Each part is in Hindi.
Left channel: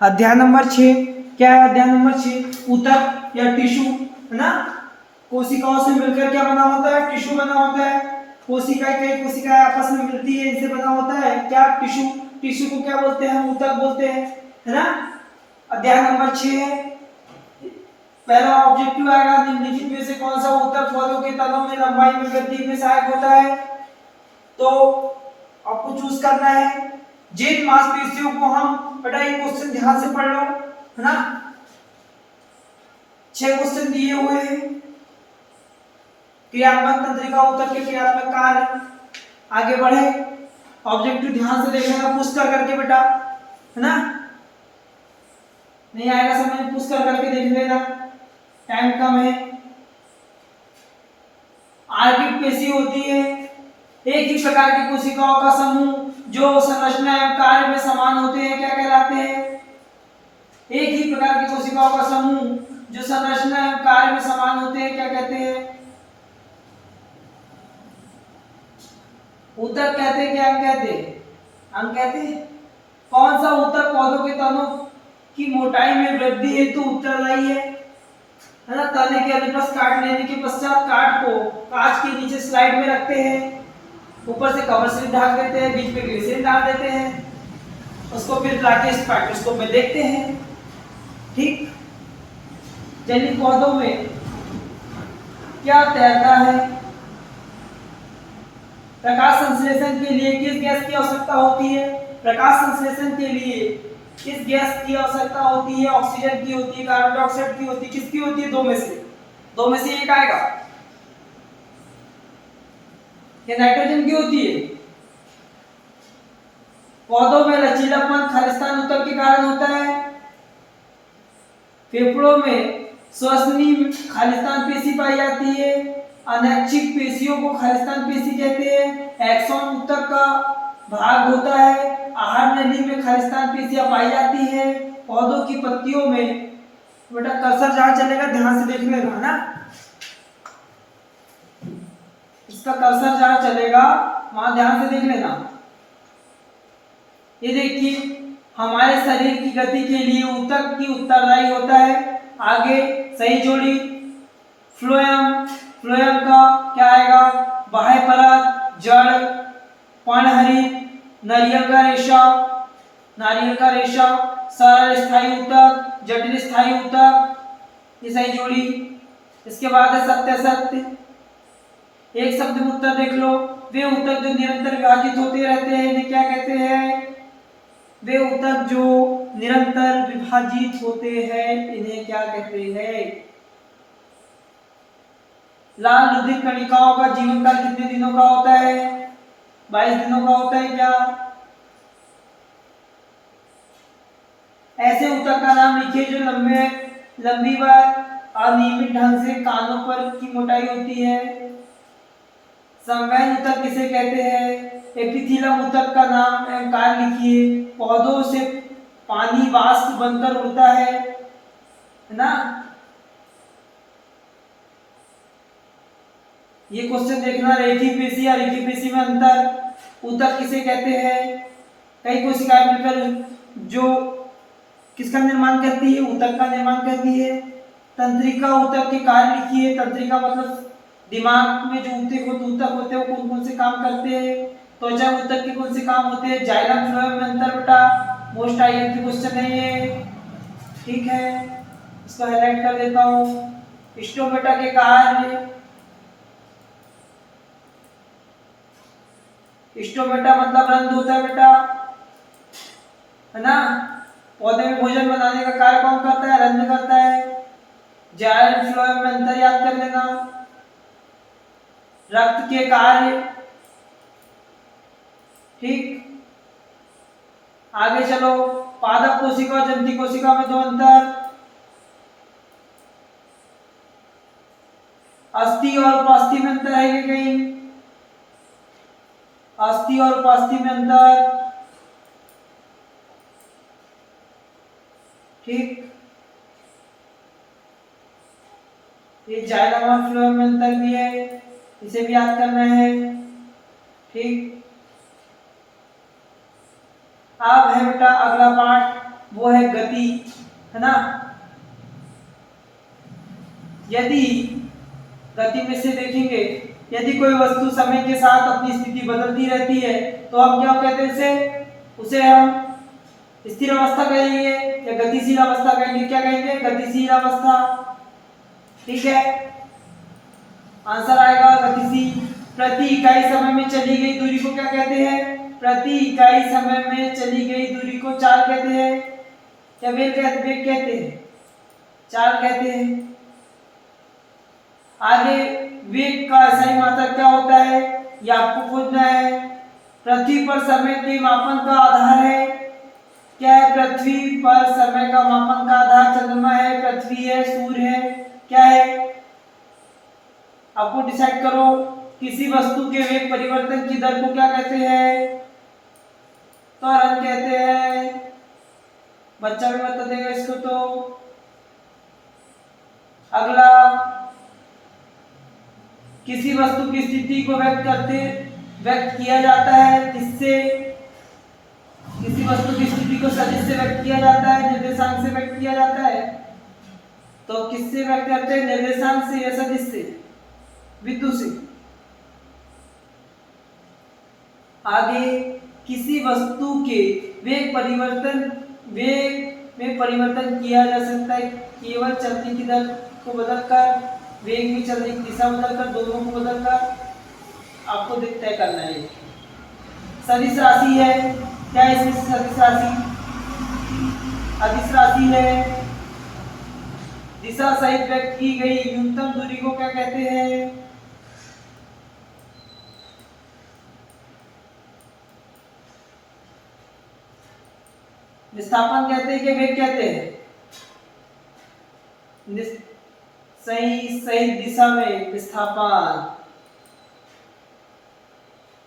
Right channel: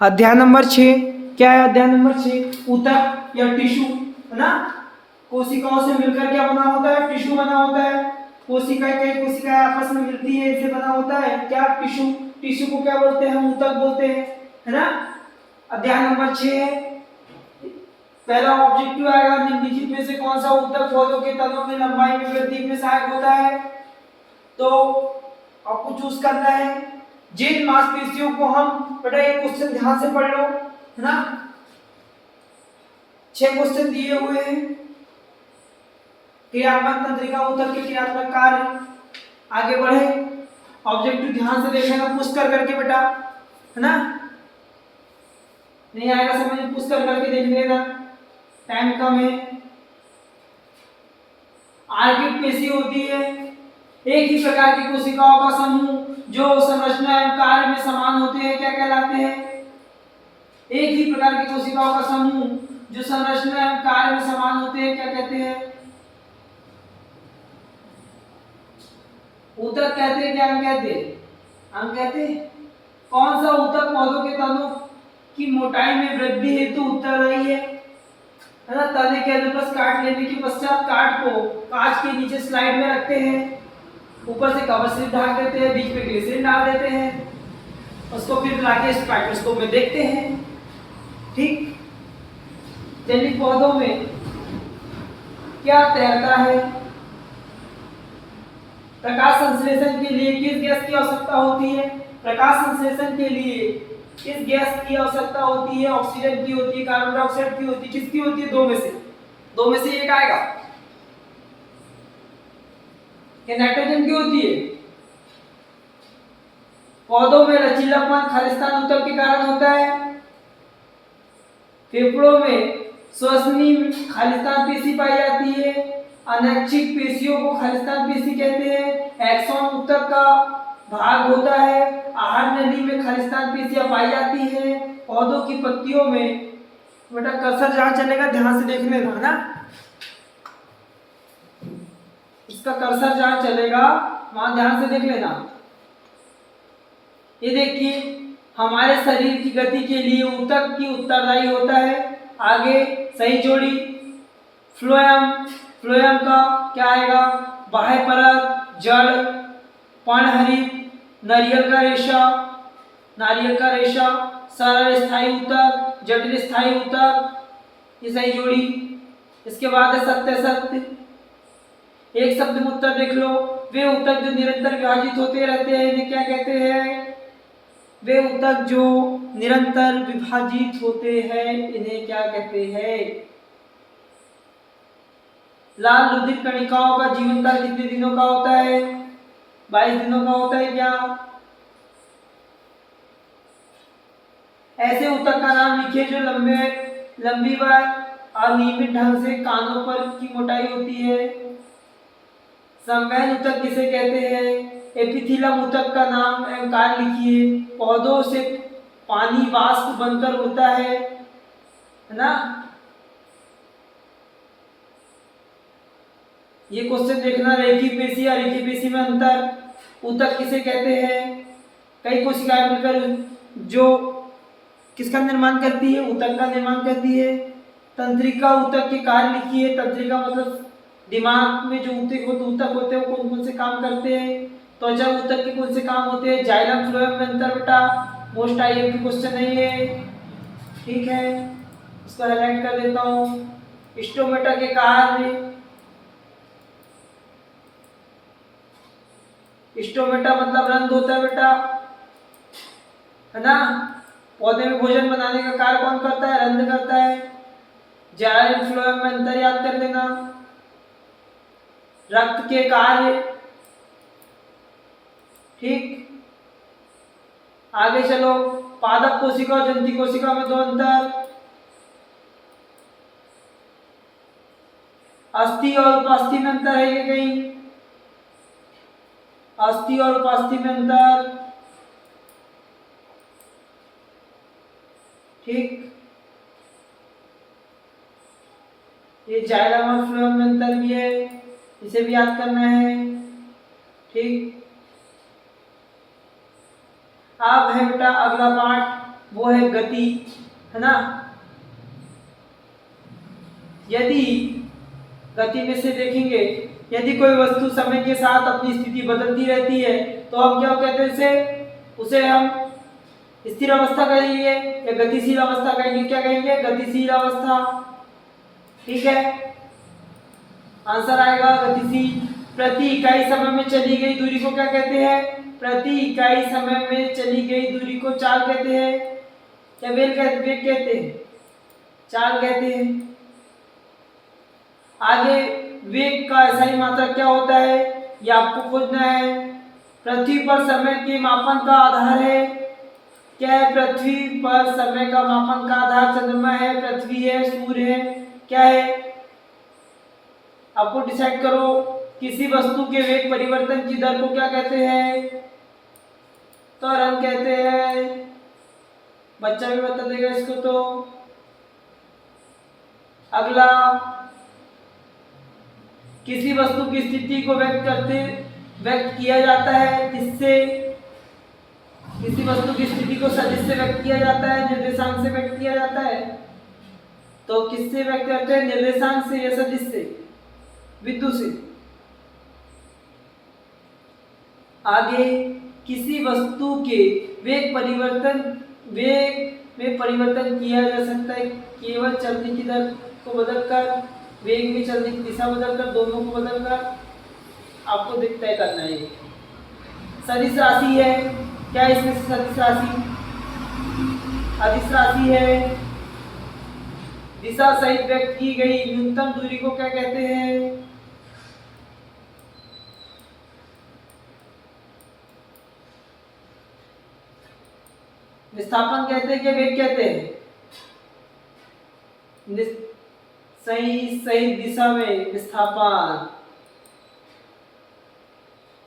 अध्याय नंबर 6 क्या है? अध्याय नंबर 6 ऊतक या टिश्यू, है ना। कोशिकाओं से मिलकर क्या बना होता है? टिश्यू बना होता है। कोशिकाएं, कई कोशिकाएं आपस में मिलती है, इनसे बना होता है क्या? टिश्यू। टिश्यू को क्या बोलते हैं? ऊतक बोलते हैं, है ना। अध्याय नंबर 6 है। पहला ऑब्जेक्टिव आएगा, निम्नलिखित में से कौन सा ऊतक पौधों के तनों में लंबाई में वृद्धि में सहायक होता है? तो आपको चूज करना है। जिन मांसपेशियों को हम, बेटा ये क्वेश्चन ध्यान से पढ़ लो, है ना। 6 क्वेश्चन दिए हुए हैं। क्रियात्मक तंत्रिका ऊतक के क्रियात्मक कार्य। आगे बढ़े, ऑब्जेक्टिव ध्यान से देख लेना, पुश कर करके बेटा, है ना। नहीं आएगा समझ, पुश कर करके देख लेना, टाइम कम है। आर्किड पेशी होती है एक ही प्रकार की कोशिकाओं का समूह जो संरचना एवं कार्य में समान होते हैं, क्या कहलाते हैं? एक ही प्रकार की कोशिकाओं का समूह जो संरचना एवं कार्य में समान होते हैं, क्या कहते हैं? ऊतक कहते हैं क्या? हम कहते हैं, हम कहते हैं। कौन सा ऊतक पौधों के तनों की मोटाई में वृद्धि हेतु उत्तरदायी है ना। तने के अनुप्रस्थ काट लेने के पश्चात काट को कांच के नीचे स्लाइड में रखते हैं, ऊपर से कवर स्लिप ढक देते हैं, बीच में ग्लिसरीन डाल देते हैं, उसको फिर लाके स्पेक्ट्रोस्कोप में देखते हैं। ठीक, जैविक पौधों में क्या तैरता है? प्रकाश संश्लेषण के लिए किस गैस की आवश्यकता होती है? प्रकाश संश्लेषण के लिए किस गैस की आवश्यकता होती है? ऑक्सीजन की होती है, कार्बन डाइऑक्साइड की होती है, किसकी होती है? दो में से एक आएगा। क्या नाइट्रोजन की होती है? पौधों में लचीलापन खालिस्तान ऊतक के कारण होता है। फेफड़ों में श्वसनीय खालिस्तान पेशी पाई जाती है। अनैच्छिक पेशियों को खालिस्तान पेशी कहते हैं। एक्सॉन ऊतक का भाग होता है। आहार नली में खालिस्तान पेशियां पाई जाती है। पौधों की पत्तियों में, बेटा कर्सर जहां चलेगा ध्यान से देखने का, है ना। इसका कर्सर जहां चलेगा वहां ध्यान से देख लेना। ये देखिए, हमारे शरीर की गति के लिए ऊतक की उत्तरदायी होता है। आगे सही जोड़ी, फ्लोएम। फ्लोएम का क्या आएगा? बाह्य परत, जड़, पर्णहरित, नारियल का रेशा, नारियल का रेशा, सरल स्थायी ऊतक, जटिल स्थायी ऊतक, ये सही जोड़ी। इसके बाद है सत्य सत्य। एक शब्द में उत्तर देख लो। वे ऊतक जो निरंतर विभाजित होते रहते हैं इन्हें क्या कहते हैं? वे ऊतक जो निरंतर विभाजित होते हैं इन्हें क्या कहते हैं? लाल रुधिर कणिकाओं का जीवन काल कितने दिनों का होता है? 22 दिनों का होता है क्या? ऐसे ऊतक का नाम लिखिए जो लंबी व अनियमित ढंग से कानों पर की मोटाई होती है। संवहन ऊतक किसे कहते हैं? एपिथीलियम ऊतक का नाम एवं कार्य लिखिए। पौधों से पानी वाष्प बनकर उड़ता है ना। ये क्वेश्चन देखना, रेखी पेशी और रेखी पेशी में अंतर। ऊतक किसे कहते हैं? कई कोशिकाएं मिलकर जो किसका निर्माण करती है? ऊतक का निर्माण करती है। तंत्रिका ऊतक के कार्य लिखिए। तंत्रिका मतलब दिमाग में जो ऊतक होते हैं वो कौन कौन से काम करते हैं? त्वचा ऊतक के कौन से काम होते हैं? जाइलम फ्लोएम में अंतर बेटा मोस्ट आईएमपी क्वेश्चन है ये, ठीक है। इसको हाईलाइट कर देता हूं। स्टोमेटा के कार्य, स्टोमेटा मतलब रंध्र होता है बेटा, है ना। पौधे में भोजन बनाने का कार्य कौन करता है? रंध्र करता है। जाइलम फ्लोएम में अंतर याद कर लेना। रक्त के कार्य, ठीक। आगे चलो, पादप कोशिका और जंती कोशिका में दो अंतर। अस्थि और उपास्थि में अंतर है कि कहीं? अस्थि और उपास्थि में अंतर, ठीक। ये जाइलम और फ्लोएम में अंतर भी है, इसे भी याद करना है, ठीक। अब है बेटा अगला पार्ट, वो है गति, है ना। यदि गति में से देखेंगे, यदि कोई वस्तु समय के साथ अपनी स्थिति बदलती रहती है तो हम क्या कहते हैं उसे हम स्थिर अवस्था कहेंगे या गतिशील अवस्था कहेंगे। क्या कहेंगे? गतिशील अवस्था। ठीक है, आंसर आएगा गतिशील। प्रति इकाई समय में चली गई दूरी को क्या कहते हैं? प्रति इकाई समय में चली गई दूरी को चाल कहते हैं या वेग कहते हैं? चाल कहते हैं। आगे वेग का सही मात्रक क्या होता है ये आपको खोजना है। पृथ्वी पर समय के मापन का आधार है। क्या है? पृथ्वी पर समय का मापन का आधार चंद्रमा है, पृथ्वी है, सूर्य है। क्या है? आपको डिसाइड करो। किसी वस्तु के वेग परिवर्तन की दर को क्या कहते हैं? त्वरण कहते हैं। बच्चा भी बता देगा इसको। तो अगला, किसी वस्तु की स्थिति को व्यक्त किया जाता है किससे? किसी वस्तु की स्थिति को सदिश से व्यक्त किया जाता है, निर्देशांक से व्यक्त किया जाता है। तो किससे व्यक्त करते हैं? निर्देशांक से या सदिश से? बिंदु से। आगे, किसी वस्तु के वेग में परिवर्तन किया जा सकता है केवल चलने की दर को बदलकर, वेग में चलने की दिशा बदलकर, दोनों को बदलकर। आपको तय करना है। सदिश राशि है। क्या है इसमें? सदिश राशि, अदिश राशि है। दिशा सहित व्यक्त की गई न्यूनतम दूरी को क्या कहते हैं? विस्थापन कहते हैं कि वेग कहते हैं? सही दिशा में विस्थापन।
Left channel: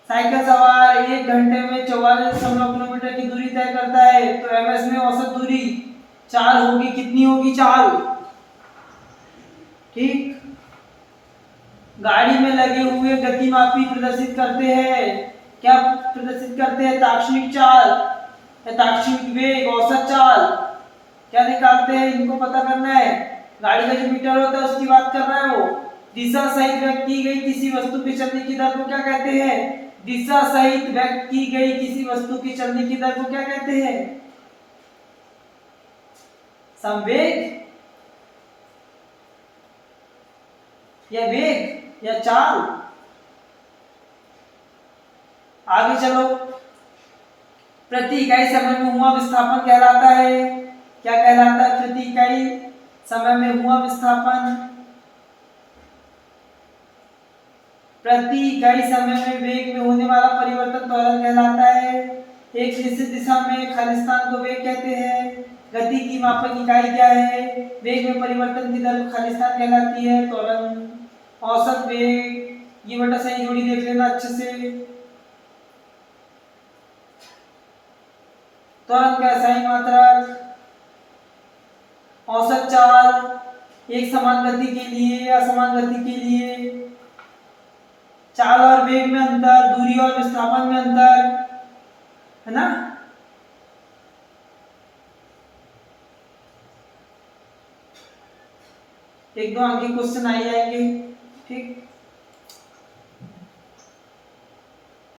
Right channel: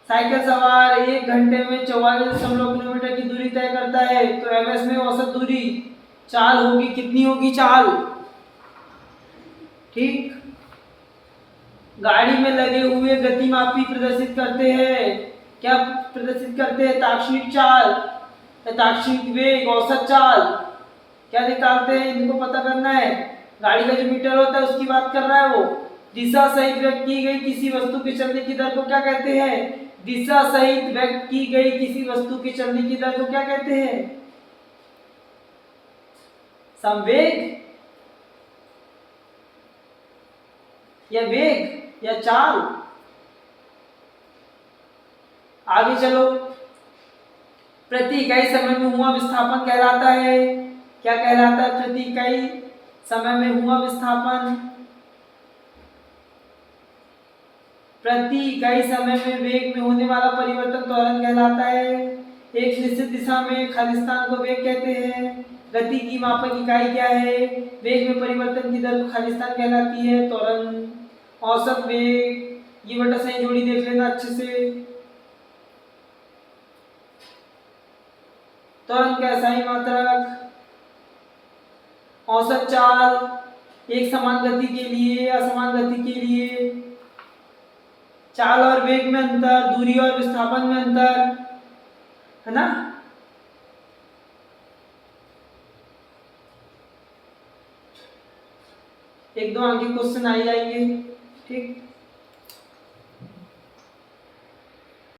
साइकिल सवार 1 घंटे में 44.9 किलोमीटर की दूरी तय करता है तो एमएस में औसत दूरी चाल होगी। कितनी होगी चाल? ठीक। गाड़ी में लगे हुए गतिमापी प्रदर्शित करते हैं, क्या प्रदर्शित करते हैं? ताक्षणिक चाल, ताक्षणिक वेग, औसत चाल। क्या निकालते हैं? इनको पता करना है। गाड़ी का जो मीटर होता है उसकी बात कर रहा है वो। दिशा सहित व्यक्त की गई किसी वस्तु के चलने की दर को क्या कहते हैं? दिशा सहित व्यक्त की गई किसी वस्तु के चलने की दर को क्या कहते हैं? संवेग या वेग या चाल? आगे चलो। प्रति इकाई समय में हुआ विस्थापन कहलाता है, क्या कहलाता है? प्रति इकाई समय में हुआ विस्थापन। प्रति इकाई समय में वेग में होने वाला परिवर्तन त्वरण कहलाता है। एक निश्चित दिशा में खाली स्थान को वेग कहते हैं। गति की मापक इकाई क्या है? वेग में परिवर्तन की दर को खाली स्थान कहलाती है। त्वरण, औसत वेग, ये बेटा सही जोड़ी देख लेना अच्छे से। त्वरण का सही मात्रक, औसत चाल, एक समान गति के लिए, असमान गति के लिए, चाल और वेग में अंतर, दूरी और विस्थापन में अंतर, है ना। एक दो आगे क्वेश्चन आ जाएंगे। ठीक।